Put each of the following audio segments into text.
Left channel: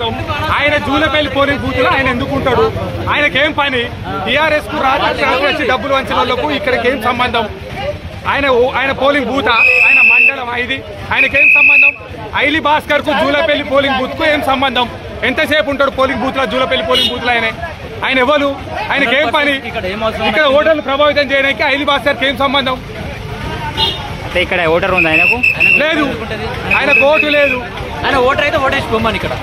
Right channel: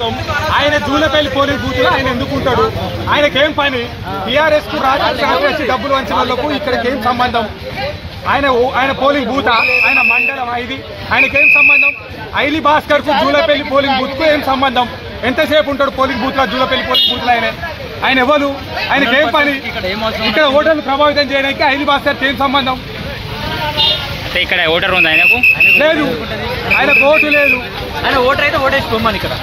సంబంధం ఆయన Julapalli polling booth లో ఆయన ఎందుకుంటాడు? ఆయనకేం పని? టీఆర్ఎస్ కు రాజకీయ డబ్బులు వంచిన వాళ్ళకు ఇక్కడికేం సంబంధం? ఆయన పోలింగ్ బూతా? ఆయన మండలం ఇది ఆయనకేం సంబంధం? ఐలి భాస్కర్ కు జూలపల్లి పోలింగ్ బూత్ కు ఏం సంబంధం? ఎంతసేపు ఉంటాడు పోలింగ్ బూత్ లో? జూలపల్లి పోలింగ్ బూత్ లో ఆయన ఎవరు? ఆయనకేం పని? ఇక్కడ ఓటర్లు ప్రభావితం చేయడానికి ఐలి భాస్కర్ కి ఏం సంబంధం? అంటే ఇక్కడ ఓటర్ ఉంది ఆయనకు? లేదు, ఆయనకు ఓటు లేదు. ఆయన ఓటర్ అయితే ఓటేసుకోమని ఇక్కడ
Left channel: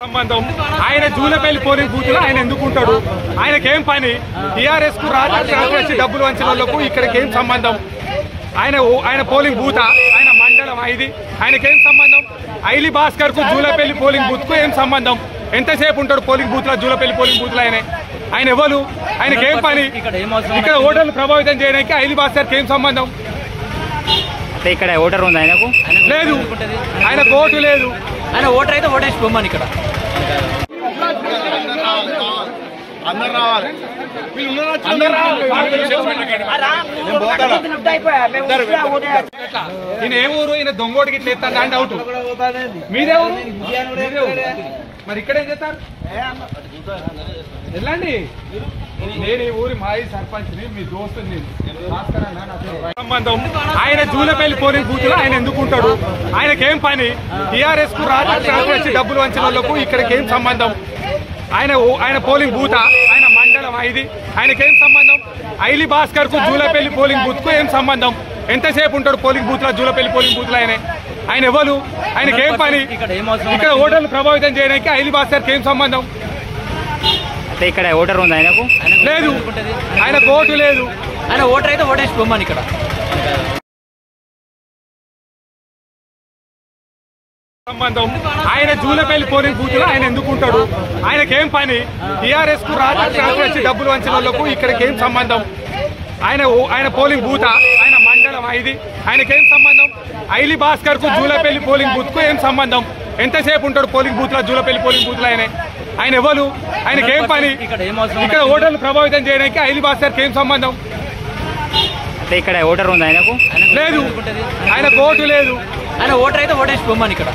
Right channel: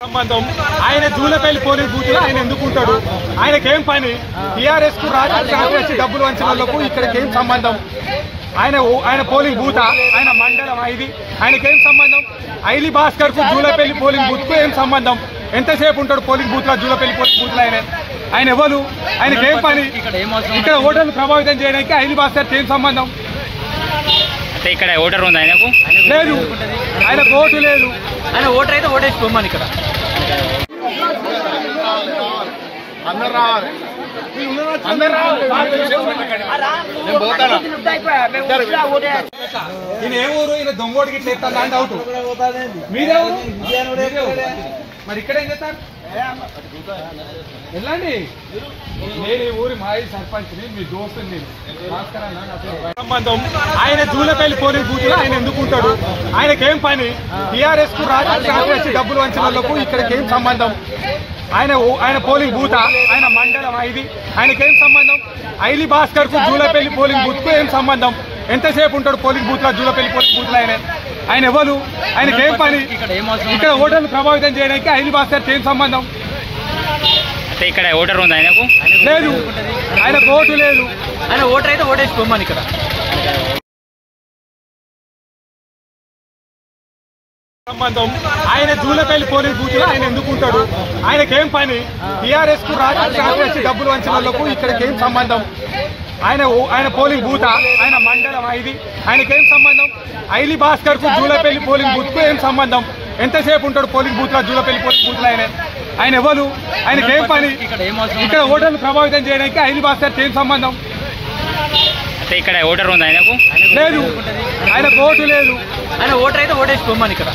సంబంధం ఆయన జూలపల్లి పోలింగ్ బూత్ లో ఆయన ఎందుకుంటాడు? ఆయనకేం పని? టీఆర్ఎస్ కు రాజకీయ డబ్బులు వంచిన వాళ్ళకు ఇక్కడికేం సంబంధం? ఆయన పోలింగ్ బూతా? ఆయన మండలం ఇది ఆయనకేం సంబంధం? ఐలి భాస్కర్ కు జూలపల్లి పోలింగ్ బూత్ కు ఏం సంబంధం? ఎంతసేపు ఉంటాడు పోలింగ్ బూత్ లో? జూలపల్లి పోలింగ్ బూత్ లో ఆయన ఎవరు? ఆయనకేం పని? ఇక్కడ ఓటర్లు ప్రభావితం చేయడానికి ఐలి భాస్కర్ కి ఏం సంబంధం? అంటే ఇక్కడ ఓటర్ ఉంది ఆయనకు? లేదు, ఆయనకు ఓటు లేదు. ఆయన ఓటర్ అయితే ఓటేసుకోమని ఇక్కడ ఈయన ఏ ఊరు? ఈయన దొంగోడికి ఇట్లా ఎత్తా అని డౌట్. మీదే ఊరు? మరి ఇక్కడ ఏం చేస్తారు? వెళ్ళండి. నేను ఈ ఊరి మాజీ సర్పంచ్ని, మీ దోస్తుని. సంబంధం ఆయన జూలపల్లి పోలింగ్ బూత్ లో ఆయన ఎందుకుంటాడు? ఆయనకేం పని? టీఆర్ఎస్ కు రాజకీయ డబ్బులు వంచిన వాళ్ళకు ఇక్కడికేం సంబంధం? ఆయన పోలింగ్ బూతా? ఆయన మండలం ఇది ఆయనకేం సంబంధం? ఐలి భాస్కర్ కు జూలపల్లి పోలింగ్ బూత్ కు ఏం సంబంధం? ఎంతసేపు ఉంటాడు పోలింగ్ బూత్ లో? జూలపల్లి పోలింగ్ బూత్ లో ఆయన ఎవరు? ఆయనకేం పని? ఇక్కడ ఓటర్లు ప్రభావితం చేయడానికి ఐలి భాస్కర్ కి ఏం సంబంధం? అంటే ఇక్కడ ఓటర్ ఉంది ఆయనకు? లేదు, ఆయనకు ఓటు లేదు. ఆయన ఓటర్ అయితే ఓటేసుకోమని ఇక్కడ సంబంధం ఆయన జూలపల్లి పోలింగ్ బూత్ లో ఆయన ఎందుకుంటాడు? ఆయనకేం పని? టీఆర్ఎస్ కు రాజకీయ డబ్బులు వంచిన వాళ్ళకు ఇక్కడికేం సంబంధం? ఆయన పోలింగ్ బూతా? ఆయన మండలం ఇది ఆయనకేం సంబంధం? ఐలి భాస్కర్ కు జూలపల్లి పోలింగ్ బూత్ కు ఏం సంబంధం? ఎంతసేపు ఉంటాడు పోలింగ్ బూత్ లో? జూలపల్లి పోలింగ్ బూత్ లో ఆయన ఎవరు? ఆయనకేం పని? ఇక్కడ ఓటర్లు ప్రభావితం చేయడానికి ఐలి భాస్కర్ కి ఏం సంబంధం? అంటే ఇక్కడ ఓటర్ ఉంది ఆయనకు? లేదు, ఆయనకు ఓటు లేదు. ఆయన ఓటర్ అయితే ఓటేసుకోమని ఇక్కడ